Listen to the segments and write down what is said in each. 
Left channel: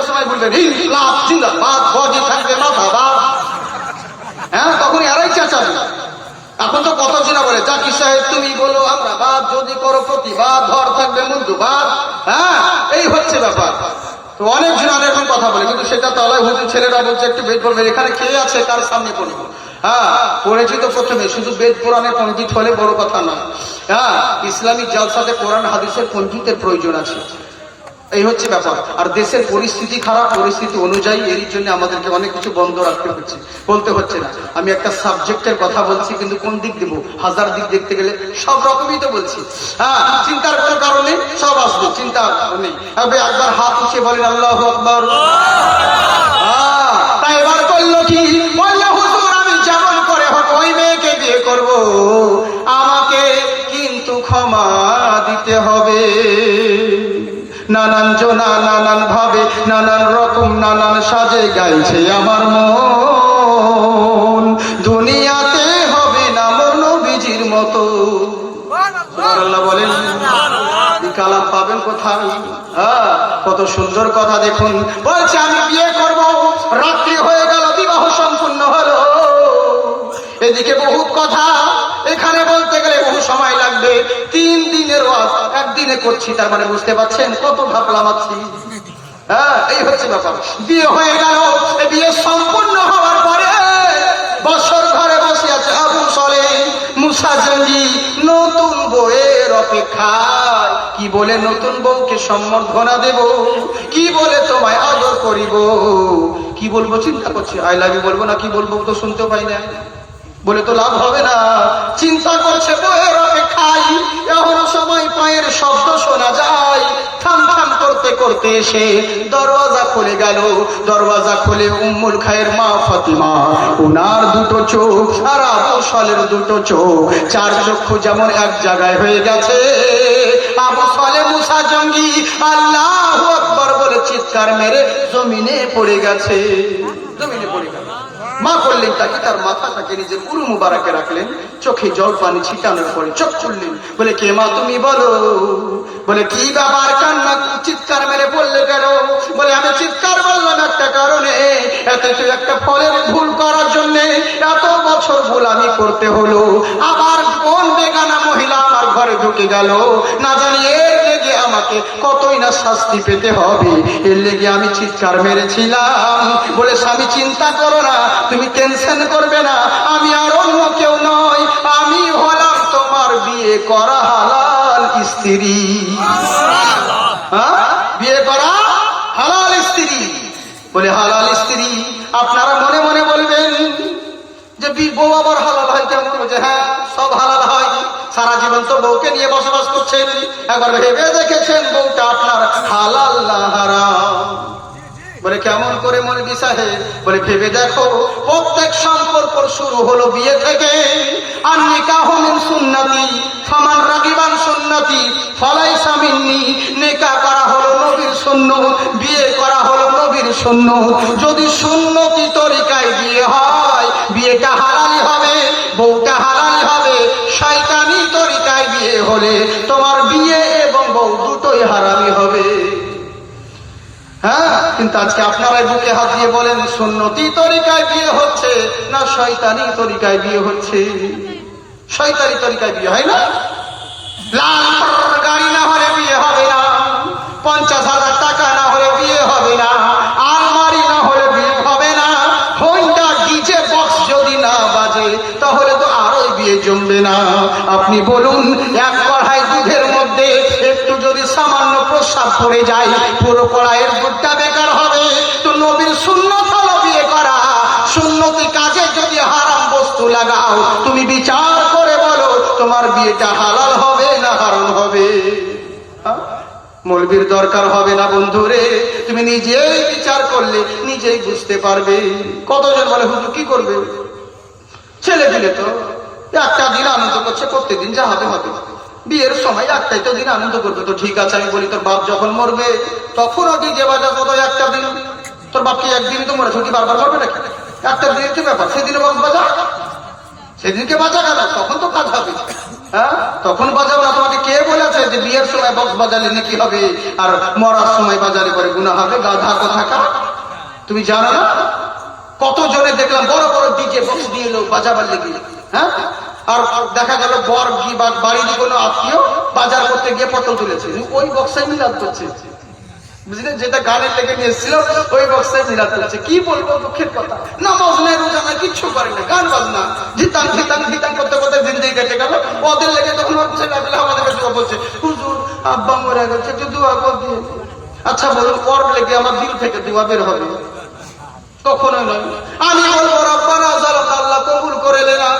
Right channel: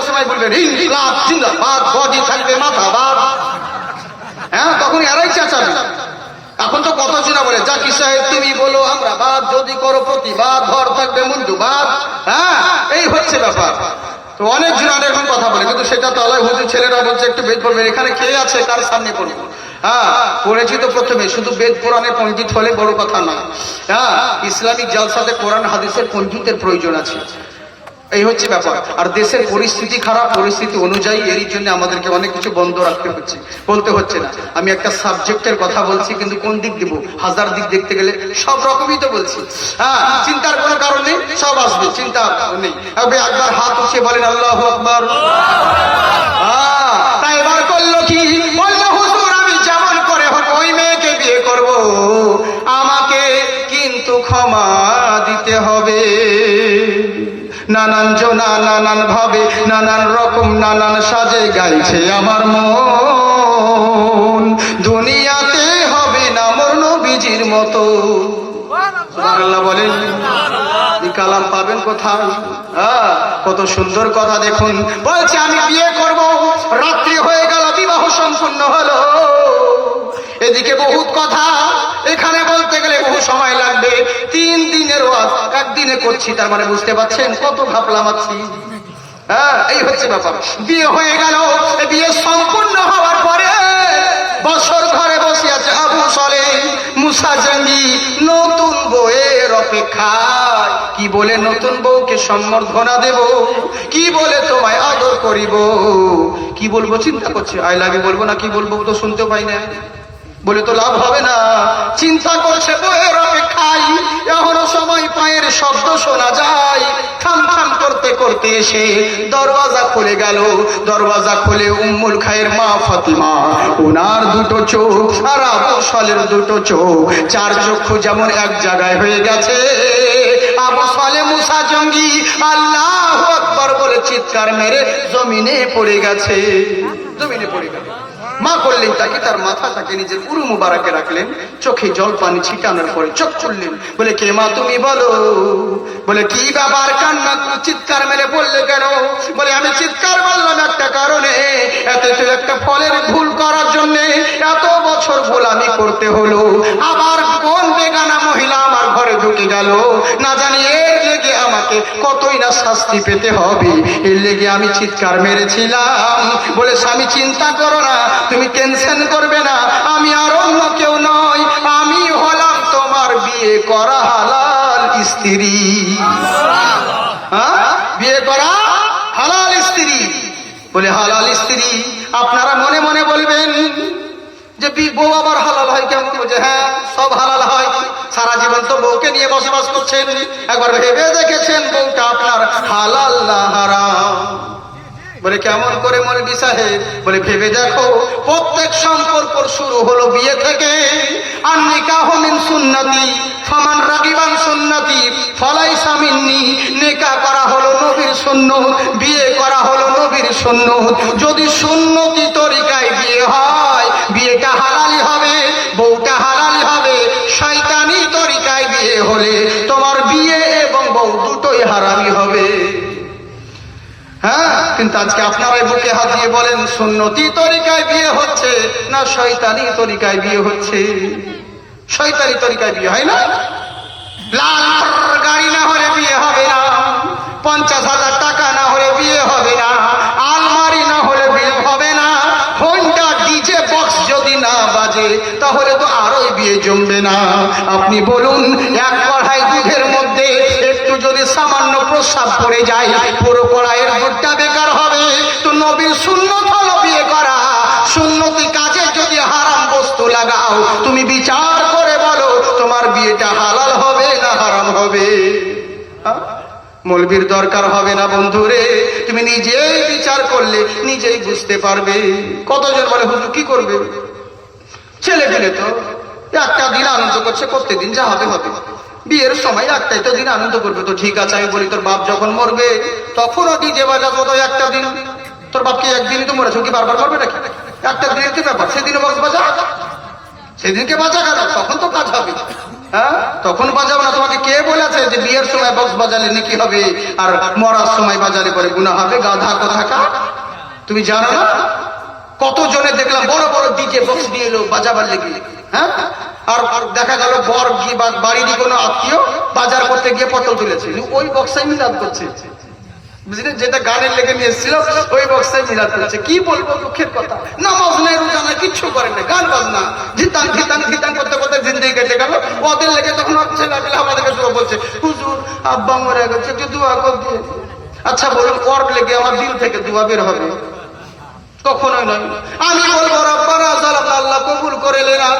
বিয়ের সময় বলবেন ইনকিলাব জিন্দাবাদ, গদি থাকবে মাথা বাপ, হ্যাঁ তখন এরাই চেঁচাবে। এখন তো কথা শোনা বলে জাকির সাহেব তুমি বলো আমরা বাদ, যদি করো প্রতিবাদ, ধর থাকবে মন্দুবাদ, হ্যাঁ এই হচ্ছে ব্যাপার। তো অনেক জন এরকম কথা বলে, কিন্তু সেটা তো আলাই হুজুর ছেলেরা বলছে একটু বেদ পড়বেন, এখানে কে আছে তার সামনে পড়বো। হ্যাঁ পড়েছি তো প্রথমে, শুধু বেদ কোরআনের পণ্ডিত হলে বড় কথা না, হ্যাঁ ইসলামিক জালসাতে কোরআন হাদিসের পণ্ডিতের প্রয়োজন আছে, এই হচ্ছে ব্যাপার। আর দেশের পরিস্থিতি খারাপ, পরিস্থিতি অনুযায়ী এর জন্য আমাদেরকে অনেক কিছু বন্ধ রাখতে হচ্ছে, বলতে হচ্ছে না। আমি একটা সাবজেক্টের কথা বলছি, কিন্তু কোন দিক দিব, হাজার দিক দেখতে গেলে সব রকমই তো বলছি। হ্যাঁ চিন্তার কোনো কারণ নেই, সব আসবে, চিন্তা নেই। একবার হাত উঠিয়ে বলেন আল্লাহু আকবার। তাই এবার করলো কি, বললো হুজুর আমি যেমন করে হোক ওই মেয়েকে বিয়ে করব, আমাকে কিন্তু ক্ষমা দিতে হবে। নানান জনা নানান ভাবে নানান রকম নানান সাজে গাইছে আমার মন, দুনিয়াতে হবে না মোর নবীজির মতো। সুবহানাল্লাহ বলেন। এই কালাম পাবেন কোথায়? কত সুন্দর কথা দেখুন, বলছে আমি বিয়ে করব, রাত্রি হয়ে গেল, বিবাহ সম্পূর্ণ হলো, এদিকে বহুত কথা, এখানে বলতে গেলে বহু সময় লাগবে। 3 দিনের ওয়াজ একদিনে করছি, তার মানে বুঝতে পারছেন কত ঘাপলা মারছি। হ্যাঁ এই হচ্ছে ব্যাপার। বিয়ে হয়ে গেল, বিয়ে সম্পূর্ণ হওয়ার পরে বছর ঘরে বসে আছে আবু সালেহ মুসা জঙ্গি, নতুন বউয়ের অপেক্ষায়। কি বলে নতুন বউকে সম্বর্ধনা দেব, কি বলে তোমায় আদর করিব, কি বলবো চিন্তা করছে, আই লাভ ইউ বলবো না কি বলবো তো শুনতে পাই না, বলে তো লাভ হবে না, চিন্তা করছে বউয়ের অপেক্ষায়। এখনো সময় পায়ের শব্দ শোনা যায়, থাম থাম করতে করতে এসে দরওয়াজা খুলে গেল। দরওয়াজা খুলে উম্মুল খায়ের মা ফাতিমা, ওনার দুটো চোখ আর আবু সালের দুটো চোখ, 4 চক্ষু যেমন এক জায়গায় হয়ে গেছে। আবু সালেহ মুসা জঙ্গি আল্লাহু আকবার বলে চিৎকার মেরে জমিনে পড়ে গেছে, জমিনে পড়ে গেল। মা করলেন তাকে, তার মাথাটাকে নিজের পুরো মুবারকে রাখলেন, চোখে জল পানি ছিটানোর পরে চোখ খুললেন, বলে কে মা তুমি বলো। বলে কি ব্যাপার, কান্না চিৎকার মেরে বললে কেন? বলে আমি চিৎকার করলাম একটা কারণে, এত একটা ফলের ভুল করার জন্য এত বছর ভুল আমি করতে হলো, আবার কোন বেগানা মহিলা আমার ঘরে ঢুকে গেল, না জানি এর লেগে আমাকে কতই না শাস্তি পেতে হবে, এর লেগে আমি চিৎকার মেরেছিলাম। বলে স্বামী চিন্তা করো না, তুমি টেনশন করবে না, আমি আর অন্য কেউ নয়, আমি হলাম তোমার বিয়ে করা হালাল স্ত্রী। বিয়ে করা হালাল স্ত্রী। বলে হালাল স্ত্রী? আপনারা মনে মনে বলবেন যে বউ আবার হালাল হয় কেমন? যে হ্যাঁ সব হালাল হয়, সারা জীবন তো বউকে নিয়ে বসবাস করছেন, একবার ভেবে দেখেছেন বউটা আপনার হালাল না হারাম? বলে কেমন করে মৌলভী সাহেব? বলে ভেবে দেখো, প্রত্যেক সম্পর্ক শুরু হলো বিয়ে থেকে। আর নিকাহু মিন সুন্নতি ফামান রাগিবান সুন্নতি ফালাইসা মিন্নি। নিকাহ করা হলো নবীর সুন্নত, বিয়ে করা হলো নবীর সুন্নত। যদি সুন্নতি তরিকায় বিয়ে হয়, বিয়েটা হালালি হবে, বউটা হালালি হবে। শয়তানি তরিকায় বিয়ে হলে তোমার বিয়ে এবং বউ দুটোই হারামি হবে। হ্যাঁ কিন্তু আজকে আপনারা বুকে হাত দিয়ে বলেন সুন্নতি তরিকায় বিয়ে হচ্ছে না শয়তানি তরিকায় বিয়ে হচ্ছে? শয়তানি তরিকায় বিয়ে হয় না। লাখ গাড়ি না হলে বিয়ে হবে না, 50,000 টাকা না হলে বিয়ে হবে না, আলমারি না হলে বিয়ে হবে না, হোন্ডা ডিজে বক্স যদি না বাজে তাহলে তো আরোই বিয়ে জমবে না। আপনি বলুন, এক কড়াই দুধের মধ্যে একটু যদি সামান্য প্রস্রাব পড়ে যায়, পুরো কড়াইয়ের দুধটা বেকার হবে। তো নবীর সুন্নত হলো বিয়ে করা, সুন্নতি কাজে যদি হারাম বস্তু লাগাও, তুমি বিচার করে বলো তোমার বিয়েটা হালাল হবে না হারাম হবে? মৌলবীর দরকার হবে না বন্ধুরে, তুমি নিজেই বিচার করলে নিজেই বুঝতে পারবে। কতজন বলে হুজুর কি করবে? ছেলে পেলে তো একটা দিন আনন্দ করছে, প্রত্যেকদিন যা হবে হবে, বিয়ের সময় একটাই তো দিন আনন্দ করবে। তো ঠিক আছে, আমি বলি তোর বাপ যখন মরবে তখনও ডিজে বাজাবো, তো একটা দিন। তোর বাপকে একদিনই তো মরেছে, কি বারবার মরবে নাকি? একটা দিনের কি ব্যাপার, সেদিনও বক্স বাজা, সেদিনকে বাজা গেল, তখন তো কাজ হবে। হ্যাঁ তখন বাজাবো না। তোমাকে কে বলেছে যে বিয়ের সময় বক্স বাজালে নাকি হবে আর মরার সময় বাজালে পরে গুনাহ হবে? গাধা কোথাকা। তুমি জানো না কত জনে দেখলাম বড় বড় ডিজে বক্স দিয়ে এলো বাজাবার লেগে, হ্যাঁ, আর দেখা গেল বর কি বা বাড়ির কোনো আত্মীয় বাজার করতে গিয়ে পটল তুলেছে, ওই বক্সাই মিলাদ করছে, বুঝলেন, যেটা গানের লেগে নিয়ে এসেছিল ওই বক্সাই মিলাদ করছে। কি বলবো, দুঃখের কথা, নামাজ নাই রোজা নাই কিচ্ছু করে না, গান বাজনা ধিতাং ধিতাং ধিতাং করতে করতে জিন্দেগি কেটে গেল। ওদের লেগে তখন ছেলেপেলে আমাদেরকে দোয়া বলছে, হুজুর আব্বা মরে গেছে একটু দোয়া করে দিয়ে। আচ্ছা বলুন, ওর লেগে আমার দিল থেকে দোয়া বের হবে? কখনো না। আমি বলবো রব্বানা যালামনা, আল্লাহ কবুল করে নেনা।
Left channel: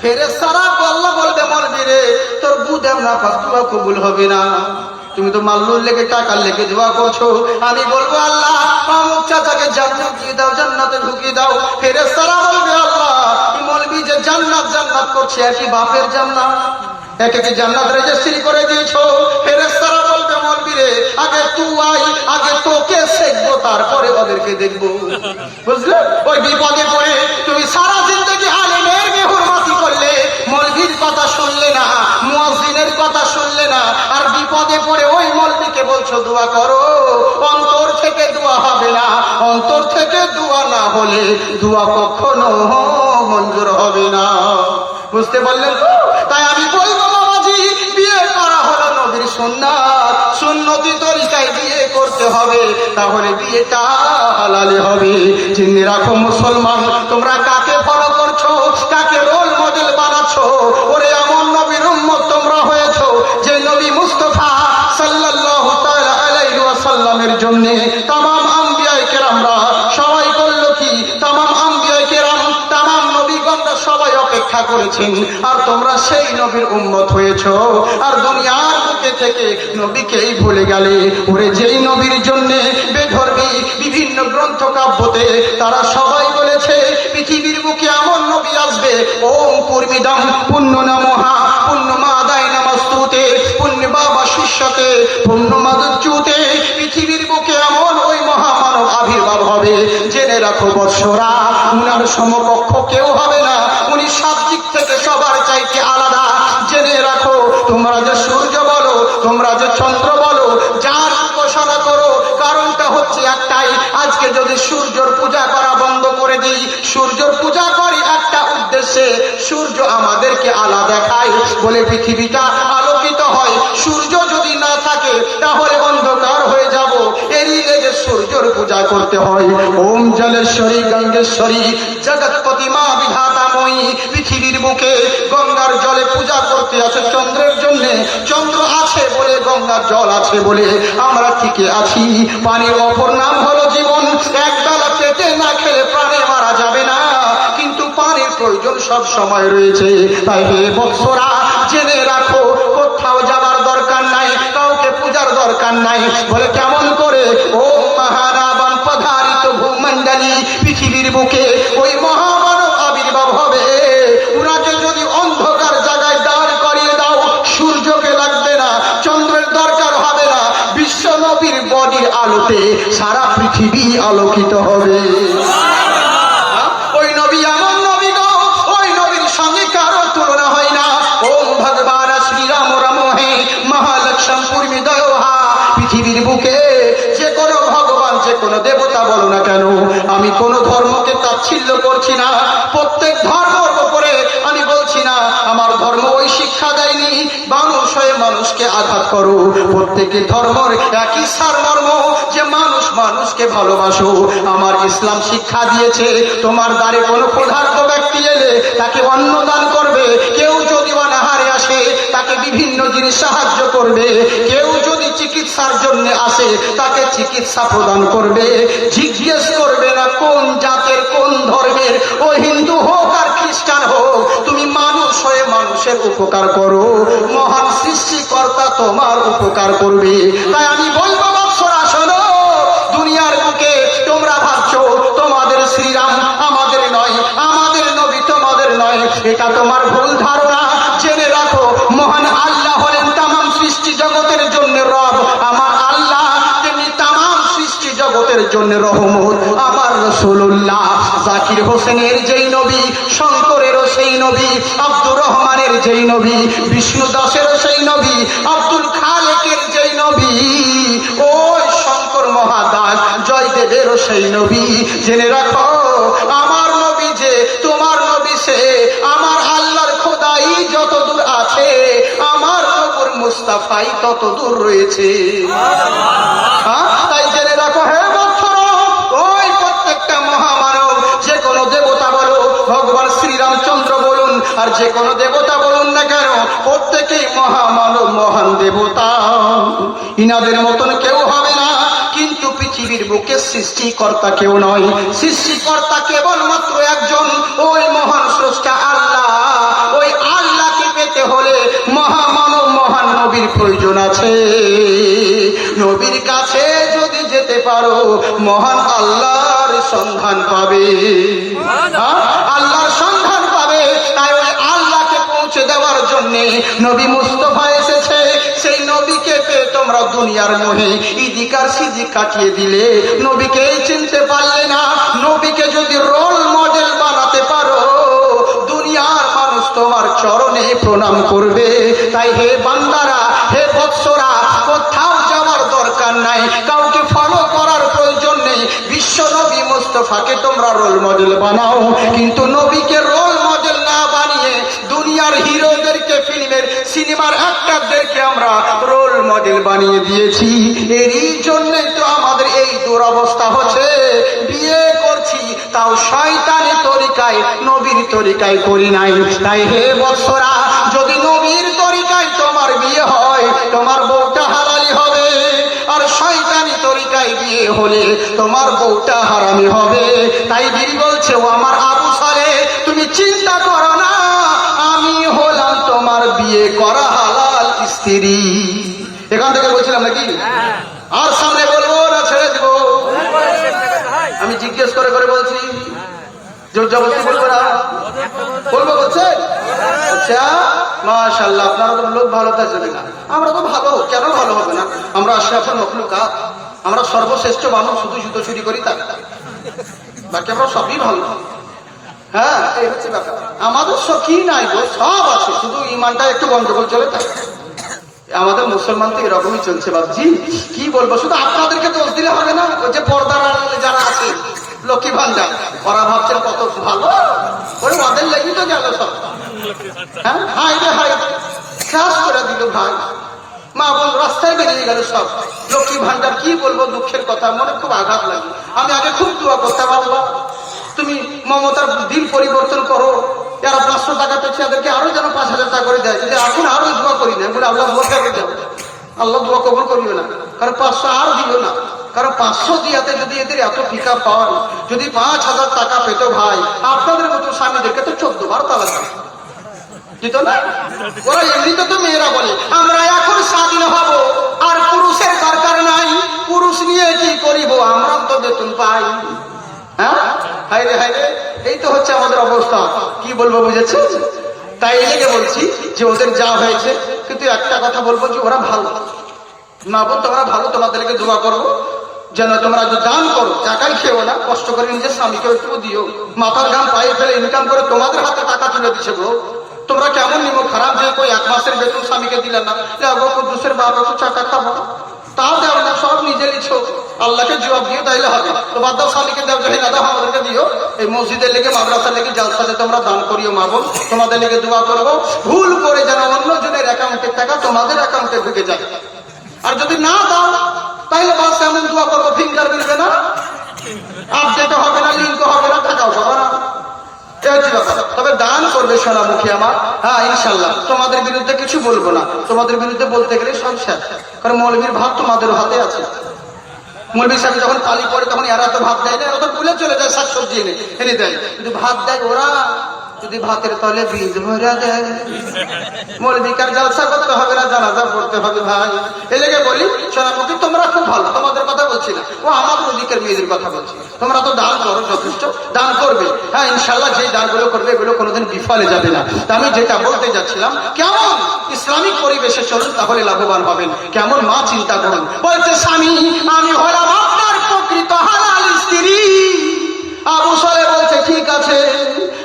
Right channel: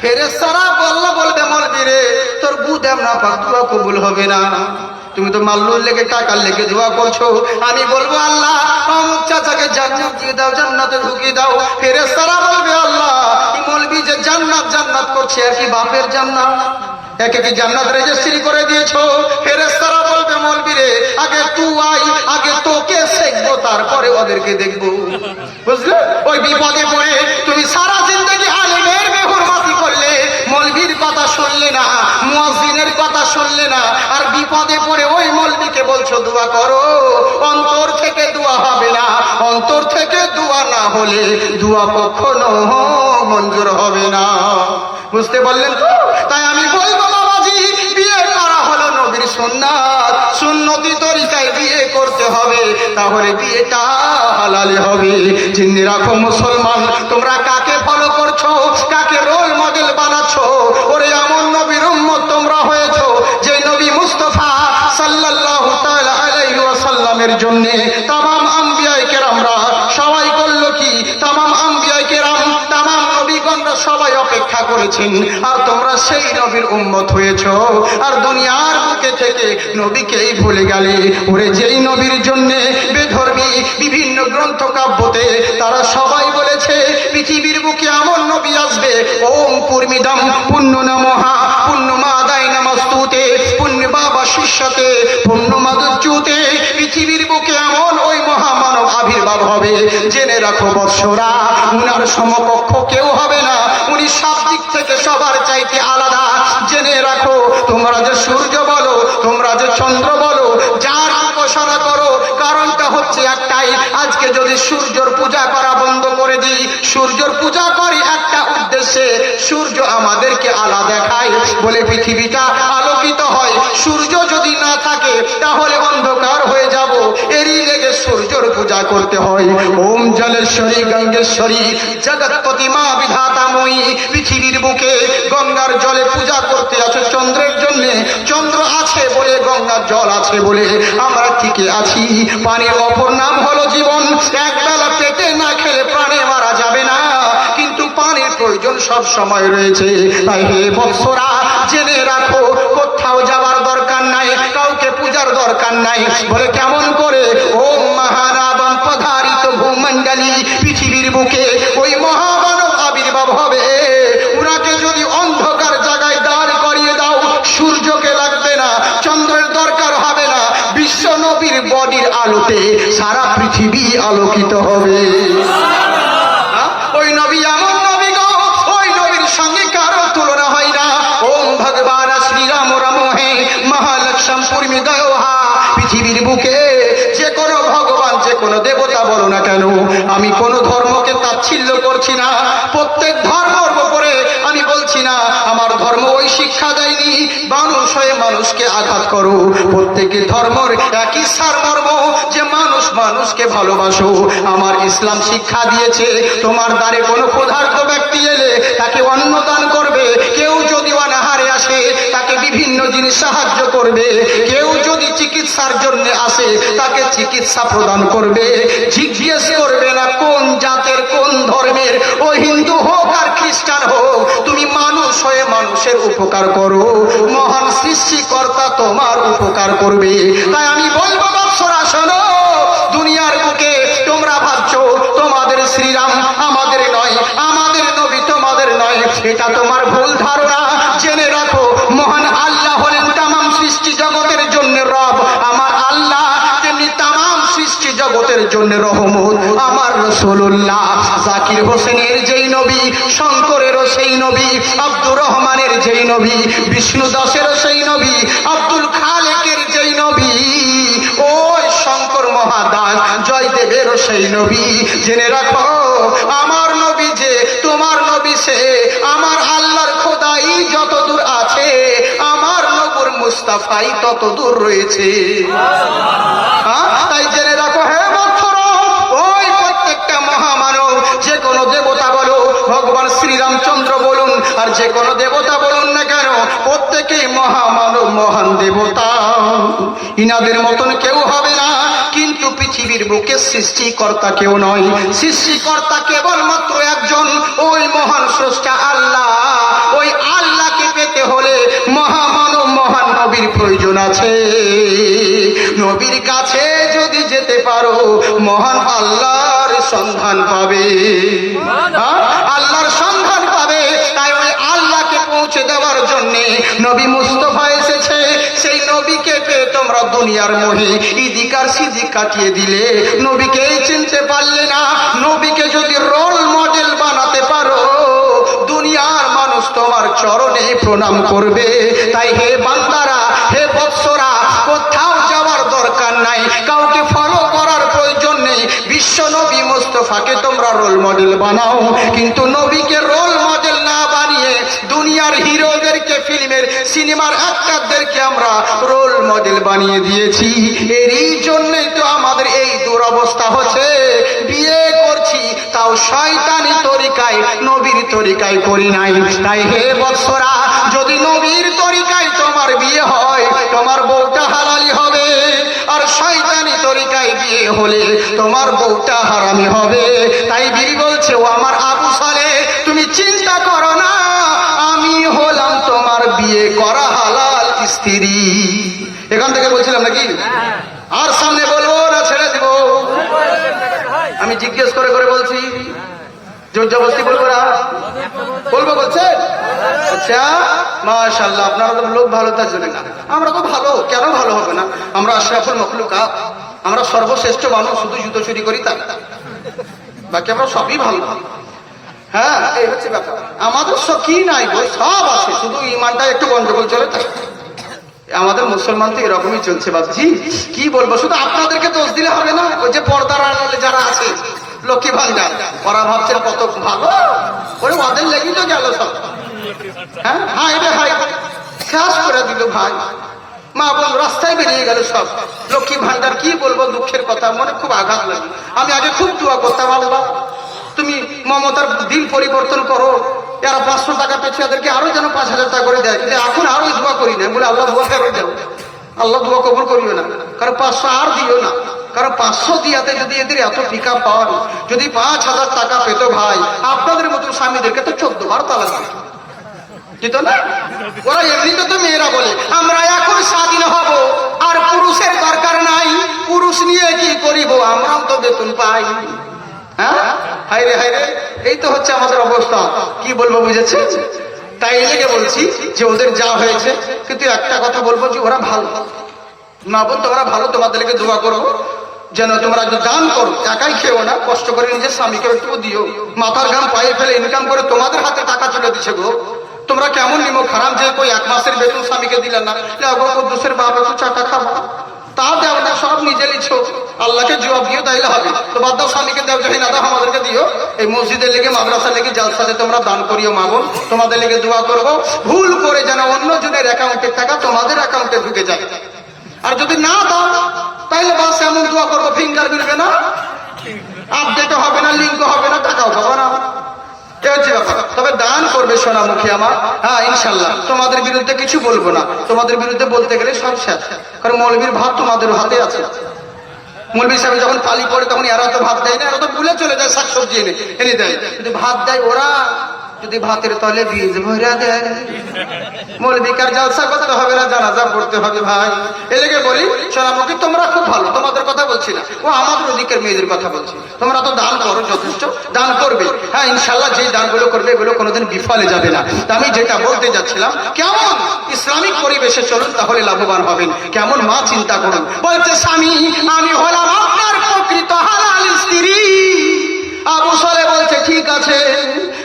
ফেরেশতারা আল্লাহ বলবে মরবিরে তোর গুদাম না পাক দোয়া কবুল হবে না, তুমি তো মাল্লুর লেগে টাকার লেগে দোয়া করছো। আমি বলবো আল্লাহ অমুক চাচাকে জান্নাত দিয়ে দাও, জান্নাতে ঢুকিয়ে দাও। ফেরেশতারা বলবে আল্লাহ মৌলবি যে জান্নাত জান্নাত করছে আর কি বাপের জান্নাত, একে কি জান্নাত রেজিস্ট্রি করে দিয়েছো? ফেরেশতারা বলবে মৌলবিরে আগে তুই আই, আগে তোকে শিখবো তারপরে ওদেরকে দেখবো, বুঝলে? ওই বিপদে পড়ে তুমি সারা জিন্দগি আলেমের বেহুরমাতি করলে, মৌলবীর কথা শুনলে না, মুয়াজ্জিনের কথা শুনলে না, আর বিপদে পড়ে ওই মৌলবীকে বলছো দোয়া করো। অন্তর থেকে দোয়া হবে না, অন্তর থেকে দোয়া না হলে দোয়া কখনো মঞ্জুর হবে না, বুঝতে পারলেন তো? তাই আমি বলবো বাবাজি, বিয়ে করা হলো নবীর সুন্নাত, সুন্নতি তরিকায় বিয়ে করতে হবে, তাহলে বিয়েটা হালালে হবে। চিন্তা রাখো মুসলমান, তোমরা কাকে ফলো করছো, কাকে রোল মডেল বানাচ্ছো? ওরে এমন নবীর উম্মত তোমরা হয়েছো যে নবী মুস্তাফা সাল্লাল্লাহু তাআলা আলাইহি ওয়াসাল্লামের জন্য तमाम আম্বিয়ায়ে কেরামরা সবাই করলো কি, तमाम আম্বিয়ায়ে কেরাম तमाम নবীগণরা সবাই অপেক্ষা করেছেন, আর তোমরা সেই নবীর উম্মত হয়েছো, আর দুনিয়ার বুকে থেকে নবীকেই ভুলে গেলে। ওরে যেই নবীর জন্য বেধর্মী বিভিন্ন গ্রন্থ কাব্যতে তারা সবাই বলেছে পৃথিবীর বুকে এমন নবী আসবে, ওম পূর্মিদম পুণ্য নমহা পুণ্য মাদায় নমস্তুতে পুণ্য বাবা শিষ্যতে পুণ্য মাদচ্যুতে, পৃথিবীর বুকে এমন ওই মহামানব আবির্ভাব হবে, জেনে রাখো বৎসরা উনার সমকক্ষ কেউ হবে না, উনি সব দিক থেকে সবার চাইতে আলাদা। জেনে রাখো তোমরা যে সূর্য বলো, তোমরা যে চন্দ্র বলো, যার উপাসনা করো, কারণটা হচ্ছে একটাই, আজকে যদি সূর্যর পূজা করা বন্ধ করে দিই, সূর্যর পূজা করি একটা উদ্দেশ্যে, সূর্য আমাদেরকে আলো দেখায় বলে পৃথিবীটা আলোকিত হয়। সূর্য যদি না থাকে তাহলে অন্ধকার হয়ে যাব, এরই লেগে সূর্যর পূজা করতে হয়। ওম জলেশ্বরী গঙ্গেশ্বরী জগৎপতি মা বিধাতাময়ী, পৃথিবীর বুকে গঙ্গার জলে পূজা করতে আছো চন্দ্রের জন্য, চন্দ্র আছে বলে গঙ্গার জল আছে বলে আমরা টিকে আছি। পানির অপর নাম হলো জীবন, একবেলা পেটে না খেলে প্রাণে মারা যাবে না, কিন্তু পানির প্রয়োজন সব সময় রয়েছে। তাই হে বৎসরা জেনে রাখো, কোথাও যাবার দরকার নাই, কাউকে পূজার দরকার নাই। বলে কেমন করে? ওম মহানাবাম পধারিত ভূমণ্ডলী, পৃথিবীর বুকে ওই মহামানব আবির্ভাব হবে, উনাকে যদি অন্ধকার জায়গায় দাঁড় করিয়ে দাও, সূর্যকে লাগবে না, চন্দ্রের দরকার হবে না, বিশ্ব নবীর বডির আলোতে সারা পৃথিবী আলোকিত হবে। ওই নবী এমন নবী গো, ওই নবীর সঙ্গে কারো তুলনা হয় না। ওম ভগবান শ্রীরাম রাম হে মহালক্ষ্মণ পূর্মিদয় হা, পৃথিবীর বুকে যে কোনো ভগবান যে কোনো দেবতা বলো না কেন, আমি কোনো ধর্মকে তাচ্ছিল্য করছি না, প্রত্যেক ধর্মের উপরে আমি বলছি না আমার ধর্ম ওই শিক্ষা দেয়নি মানুষ হয়ে মানুষকে আঘাত করো। প্রত্যেকের ধর্মের একই সারমর্ম যে মানুষ মানুষকে ভালোবাসো। আমার ইসলাম শিক্ষা দিয়েছে তোমার দ্বারে কোনো ক্ষুধার্ত ব্যক্তি এলে তাকে অন্ন দান করবে, কেউ যদি অনাহারে আসে তাকে বিভিন্ন জিনিস সাহায্য করবে, কেউ যদি চিকিৎসার জন্য আসে তাকে চিকিৎসা প্রদান করবে, জিজ্ঞেস করবে না কোন জাতের কোন ধর্মের, ও হিন্দু হোক আর খ্রিস্টান হোক, তুমি মানুষ হয়ে মানুষের উপকার করো, মহান সৃষ্টিকর্তা তোমার উপকার করবে। তাই আমি বলবো বাচ্চারা শোনো, দুনিয়ার বুকে তোমরা ভাবছো তোমাদের শ্রীরাম আমাদের নয়, আমাদের নবী তোমাদের নয়, এটা তোমার ভুল ধারণা। জেনে রাখো মহান আল্লাহ হলেন তামাম সৃষ্টি জগতের জন্য রব, আমার আল্লাহ তেমনি তামাম সৃষ্টি জগতের জন্য রহমত। আমার রাসূলুল্লাহ জাকির হোসেনের যেই নবী, শঙ্করেরও সেই নবী, আব্দুর রহমানের যেই নবী, বিষ্ণু দাসেরও সেই নবী, আব্দুল খালেকের যেই নবী, ওই শঙ্কর মহাদাস জয়দেব গায়েবের সেই নবী। জেনে রাখো আমার নবী যে তোমার নবী সে, আমার আল্লাহর খোদাই যত দূর আছে আমার নবুর মুস্তাফাই তত দূর রয়েছে। তাই জেনে রাখো হে বৎসরা, ওই প্রত্যেকটা মহামানব, যে কোনো দেবতা বলো, ভগবান শ্রীরামচন্দ্র বলুন আর যে কোনো দেবতা বলুন না কেন, প্রত্যেকেই মহামানব, মহান দেবতা। ইনাদের মতন কেউ হবে না, কিন্তু পৃথিবীর বুকে সৃষ্টিকর্তা কেউ নয়। সৃষ্টিকর্তা কেবলমাত্র একজন, ওই মহান স্রষ্টা আল্লাহ। ওই আল্লাহকে পেতে হলে মহামানব, মহান নবীর প্রয়োজন আছে। নবীর কাছে যদি যেতে পারো মহান আল্লাহর সন্ধান পাবে, আল্লাহর সন্ধান পাবে। তাই ওই আল্লাহকে পৌঁছে দেওয়ার জন্যে নবী মুস্তাফা এসেছে। সেই নবীকে পেয়ে তোমরা দুনিয়ার মোহে ইদিকার সিদিক কাটিয়ে দিলে, নবীকেই চিনতে পারলে না। নবীকে যদি রোল মডেল বানাতে পারো, দুনিয়ার মানুষ তোমার চরণে প্রণাম করবে। তাই হে বান্দারা, হে বৎসরা, কোথাও যাওয়ার দরকার নাই, কাউকে ফলো করার প্রয়োজন নেই। বিশ্ব নবী মুস্তাফাকে তোমরা রোল মডেল বানাও, কিন্তু নবীকে রোল মডেল না বানিয়ে দুনিয়ার হিরোদেরকে, ফিল্মের সিনেমার অ্যাক্টরদেরকে আমরা রোল মডেল বানিয়ে দিয়েছি। এরই জন্যই তো আমাদের এই দুরবস্থা হচ্ছে। বিয়ে করছি তাও শয়তানি তরিকায়, নবীর তরিকায় করি নাই। তাই হে বৎসরা, যদি নবীর তরিকায় তোমার বিয়ে হয়, তোমার বউটা হালালি হবে। আর শয়তানি তরিকায় বিয়ে হলে তোমার বউটা হারামি হবে। তাই বীর বলছে, ও আমার আবু সালে, তুমি চিন্তা করো না, আমি হলাম তোমার বিয়ে করা হালাল স্ত্রী। এখান থেকে বলছিলাম নাকি? আর সামনে বলবো না ছেড়ে দিব? আমি জিজ্ঞেস করে করে বলছি, জোর জবরদস্তি বলবো না, বলবো বলছে। আচ্ছা মাশাআল্লাহ, আপনারা তো লোক ভালো, তার জন্য না। আমরা তো ভালো, কেন ভালো হবে না? আমরা আশরাফুল মাখলুকাত, আমরা সর্বশ্রেষ্ঠ মানুষ, শুধু জুতো চুরি করি তা, বাকি আমরা সবই ভালো। হ্যাঁ, এই হচ্ছে ব্যাপার। আমাদের সব কি নাই গো, সব আছে, শুধু ইমানটা একটু গন্ডগোল চলে। আমাদের মুসলমান তো এরকমই চলছে বাবজি, কি বলবো। শুধু আপনাদেরকে দোষ দিলে হবে না, ওই যে পর্দার আড়ালে যারা আছে, লক্ষ্মী ভান্ডার, ওরা ভাবছেন কত ভালো, ওই ওদের লেগেই তো গেল সব। হ্যাঁ, হাই রে হাই, শেষ করে দিল ভাই। মা বোন রাস্তায় বেরিয়ে গেল সব। লক্ষ্মী ভান্ডার, কি বলবো, দুঃখের কথা, মনে খুব আঘাত লাগে। আমি আগে খুব দোয়া করতাম, বাবা তুমি মমতার দিন পরিবর্তন করো, এরা 500 টাকা পেয়েছে, এদেরকে আরো যেন 5000 টাকা করে দেয়। এখন আরো দোয়া করি না, বলে আল্লাহ দোয়া করে যাবো, আল্লাহ দোয়া কবুল করবে না। কারণ 500 আর দিও না, কারণ 500 দিয়াতে যদি এদের এত পিক আপ পাওয়ার, যদি 5000 টাকা পেত ভাই, আপনাদের মতো স্বামীদেরকে তো 14 বার তালাক দিত না। ওরা এমনিতে তো মেয়েরা বলে আমরা এখন স্বাধীন হব, আর পুরুষের দরকার নাই, পুরুষ নিয়ে কি করিব, আমরাও তো বেতন পাই। হ্যাঁ, হাইরে হাইরে, এই তো হচ্ছে আমাদের অবস্থা। কি বলবো বুঝেছে? তাই লেগে বলছি যে ওদের যা হয়েছে, কিন্তু একটা কথা বলবো যে ওরা ভালো না। বোন তোমরা ভালো, তোমাদেরকে দোয়া করো যেন তোমরা দান করো, একাই খেও না, কষ্ট করে নিজের স্বামীকে একটু দিও। মাথার ঘাম পায়ে ফেলে ইনকাম করে তোমাদের হাতে টাকা তুলে দিচ্ছে গো। তোমরা কেমন নিমো খারাপ যে কই 1 মাসের বেতন স্বামীকে দিলে না, কুদ্দুসের বাবা তো চাকা খাবো, তাও দেওয়া না, সব নিজে লিখছো। আল্লাহকে জবাব দিও, তাইলে হবে। তো বাদ দাও, স্বামীকে দেও, যদি না দাও আমাদেরকে দিও। এই মসজিদের লেগে, মাদ্রাসার লেগে, জালসাতে তোমরা দান করিও। মা বোন তোমাদের লেগে দোয়া করবো, ভুল করে যেন অন্য জনের অ্যাকাউন্টের টাকা তোমাদের অ্যাকাউন্টে ঢুকে যায়। আর যদি না দাও তাহলে বাস এমন দোয়া করবো, ফিঙ্গার মিলবে না, আপডেট হবে না, লিঙ্ক হবে না, টাকাও পাবে না। তবে দান করবে সোনামুখী আমার। হ্যাঁ ইনশাল্লাহ, তোমাদের বিরুদ্ধে কিছু বলবো না। তোমাদের বিরুদ্ধে বলতে গেলে সব শেষ, কারণ মৌলবীর ভাব তোমাদের হাতে আছে। মৌলবী সাহেব যখন তালি পড়ে তখন এরা তো ভাত দেয় না, এরা তো ভুলে চলে যায়, শাকসবজি এনে দেয়। যদি ভাত দেয় ওরা, যদি ভাতের তলে বীজ ভরা দেয়, মৌলবীকার জলসা করতে হবে না, জানাজা পড়তে হবে ভাই। এই লেগে বলি সোনামুখী, তোমরা খুব ভালো, তোমাদের কথা বলছি না, ও আমাদের ওদিকের মেয়েদের কথা বলছি। তোমরা তো দান করো, যথেষ্ট দান করবে। হ্যাঁ ইনশাল্লাহ, যে দানগুলো করবে এগুলো কোনোদিন বিফলে যাবে না। আমি যেটা বলতে যাচ্ছিলাম, কেমন ইসলামিক পরিবেশে চলুন, তাহলে লাভবান হবেন। কেমন মা চিন্তা করুন, বলছে স্বামী আমি হলাম আপনার প্রকৃত হালাল স্ত্রী। আবু সালে বলছে ঠিক আছে,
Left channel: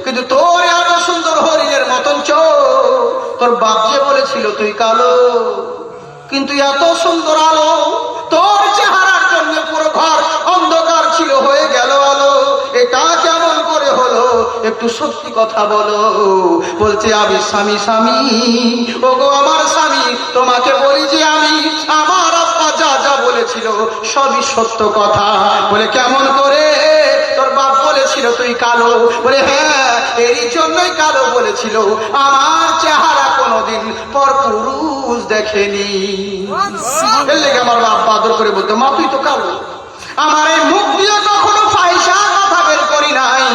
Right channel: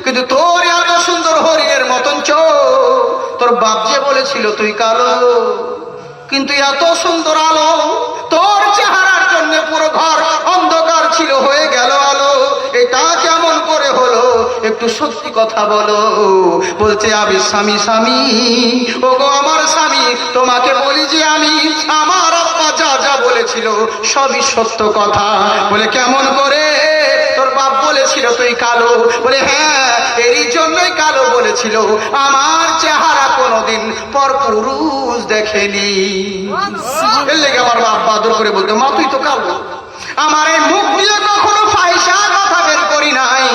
কিন্তু তোর এত সুন্দর হরিণের মতন চোখ, তোর বাপ যে বলেছিল তুই কালো, কিন্তু এত সুন্দর আলো তোর চেহারার জন্য পুরো ঘর অন্ধকার ছিল। একটু সত্যি কথা বলো। বলছে আমি স্বামী স্বামী, ও গো আমার স্বামী, তোমাকে বলি যে আমি আমার আব্বা যা যা বলেছিল সবই সত্য কথা। বলে কেমন করে? তোর বাপ বলেছিল তুই কালো। বলে হ্যাঁ, এই জন্যই কালো বলেছিল, আমার চেহারা কোনোদিন পর পুরুষ দেখেনি। এর লেগে আমার আব্বা আদর করে বলতো, মা তুই তো কালো। আমার এই মুখ দিয়ে কখনো ফাইসা কথা বের করি নাই,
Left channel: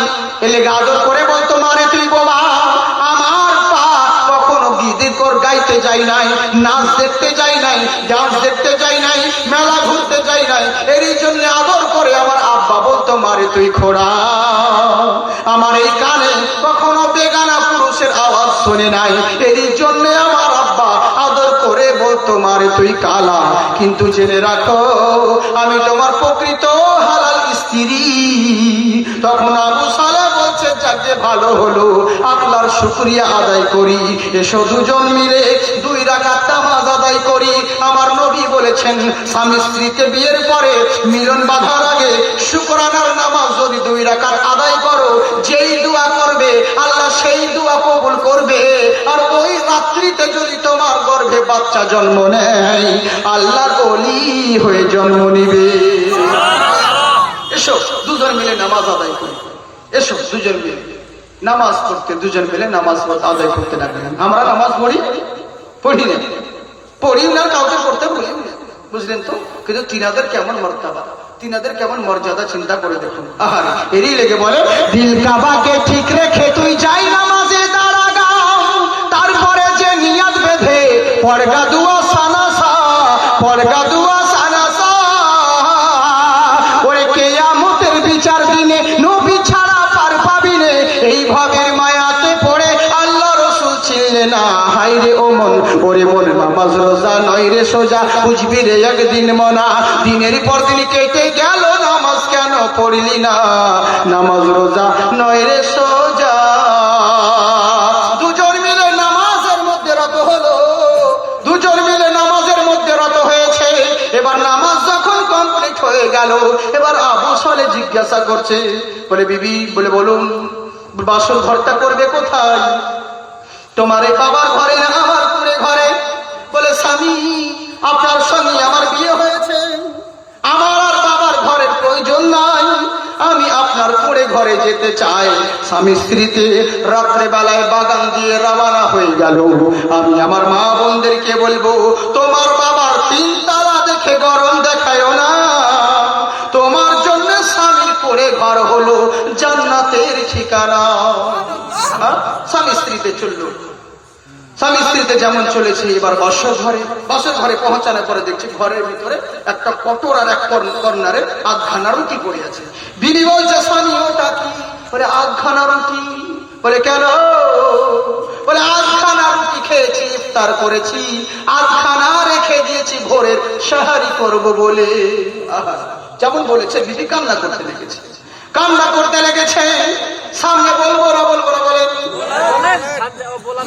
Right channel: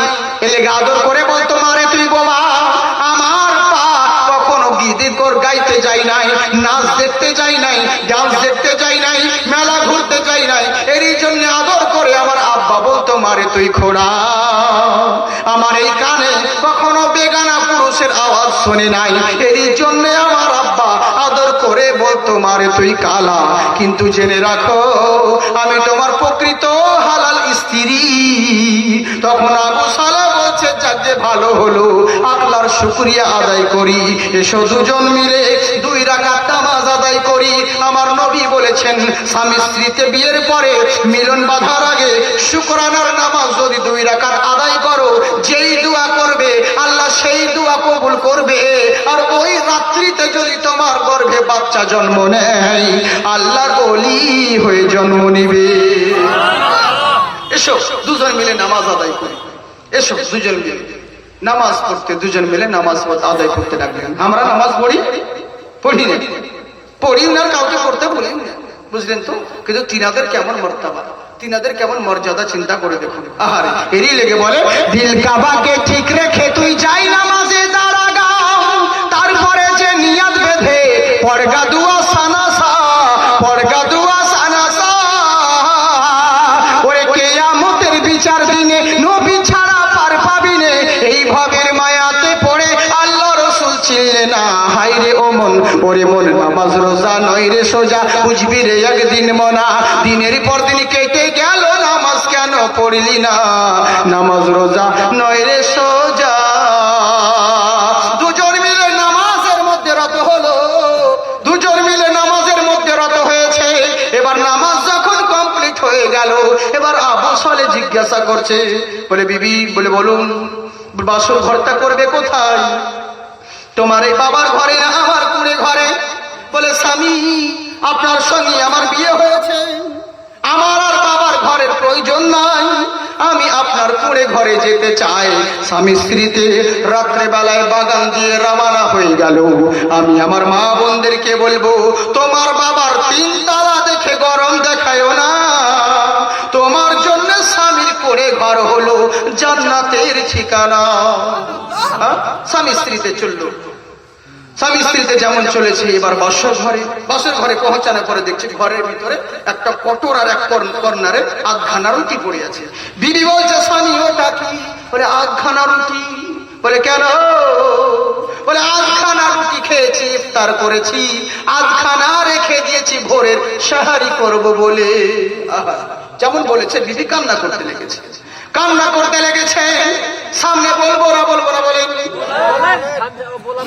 এর লেগে আদর করে বলতো, মারে তুই বোমা। আমার পা কখনো গীতি কর গাইতে যাই নাই, নাচ দেখতে যাই নাই, ডান্স দেখতে যাই নাই, মেলা ঘুরতে যাই নাই। এরই জন্য আদর করে আমার আব্বা বলতো, মারে তুই খোড়া। আমার এই কানে কখনো বেগানা পুরুষের আওয়াজ শুনে নাই, এরই জন্য আমার আব্বা আদর করে বলতো, মারে তুই কালা। কিন্তু জেনে রাখো আমি তোমার প্রকৃত হালাল স্ত্রী। তখন আবু সালেহ বলছে, যার যে ভালো হলো, আল্লাহর শুকরিয়া আদায় করি। এসো দুজন মিলে 2 রাকাত নামাজ আদায় করি। আমার নবী বলেছেন, স্বামী স্ত্রীতে বিয়ের পরে মিলন বাঁধার আগে শুকরানার নামাজ যদি 2 রাকাত আদায় করো, যেই দোয়া করবে আল্লাহ সেই দোয়া কবুল করবে। আর ওই রাত্রিতে যদি তোমার গর্ভে বাচ্চা জন্ম নেয়, আল্লাহর ওলি হয়ে জন্ম নিবে। এসো দুজন মিলে নামাজ আদায় করি। এসো দুজন মিলে নামাজ পড়তে, দুজন মিলে নামাজ আদায় করতে লাগলেন। আমরা নামাজ পড়ি না, পড়ি না, কাউকে পড়তে বলি না, বুঝলেন তো? কিন্তু তিনাদের কেমন মর্যাদা, তিনাদের কেমন মর্যাদা চিন্তা করে দেখুন। আহারে, এরই লেগে বলে, দিল কাবাকে ঠিক রেখে তুই যাই নামাজে দাঁড়াগা, তারপরে যে নিয়ত বেঁধে পড়গা দুয়া সানাসা, পড়গা দুয়া সানাসা। ওরে কিয়ামতের বিচার দিনে নবী ছাড়া পার পাবি নে। এই ভাবের মায়াতে পড়ে আল্লাহ রাসূল ছিলে না। হায়রে ও মন, ওরে মন, নামাজ রোজা নয় রে সোজা, বুঝবি রে একদিন মনা। দিনের পর দিন কেটে গেল, নামাজ কেন পড়লি না? নামাজ রোজা নয় রে সোজা। দুজন মিলে নামাজের মধ্যে রত হলো, দুজন মিলে নামাজের মধ্যে রত হয়েছে। এবার নামাজ যখন কমপ্লিট হয়ে গেল, এবার আবু সালেহ জিজ্ঞাসা করছে, বলে বিবি, বলে বলুন বাসর ঘরটা করবে কোথায়? তোমার এই বাবার ঘরে না আমার কুড়ে ঘরে? বলে স্বামী, আপনার সঙ্গে আমার বিয়ে হয়েছে, আমার আর বাবার ঘরের প্রয়োজন নাই, আমি আপনার কুড়ে ঘরে যেতে চাই। স্বামী স্ত্রীতে রাত্রে বেলায় বাগান দিয়ে রওনা হয়ে গেল। আমি আমার মা বোনদেরকে বলবো, তোমার বাবার 3 তালা দেখে গরম দেখায়ও না। তোমার জন্য স্বামীর কুড়ে ঘর হলো জান্নাতের ঠিকানা। স্বামী স্ত্রীতে চললো, স্বামী স্ত্রীতে যেমন চলেছে। এবার বাসর ঘরে পৌঁছানোর পরে দেখছি ঘরের ভিতরে একটা কটর আর এক কর্নারে 8খানা রুটি পড়ে আছে। বিবি বলছে, স্বামী ওটা কি? বলে 8খানা রুটি। বলে কেন? বলে 8খানা রুটি খেয়েছি, ইফতার করেছি, 8খানা রেখে দিয়েছি ভোরের সাহারি করব বলে। আহা, যেমন বলেছে বিবি কান্না করতে লেগেছে, কান্না করতে লেগেছে। সামনে বলবো না বলেন।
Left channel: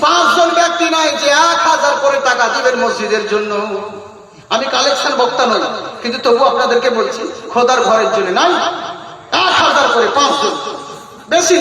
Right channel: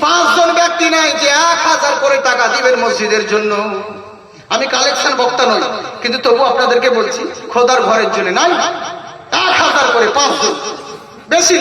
5 জন ব্যক্তি নাই যে 1000 করে টাকা দিবেন মসজিদের জন্য। আমি কালেকশন বক্তা নই, কিন্তু তবু আপনাদেরকে বলছি, খোদার ঘরের জন্য নাই 1000 করে 5 জন, বেশি নয়।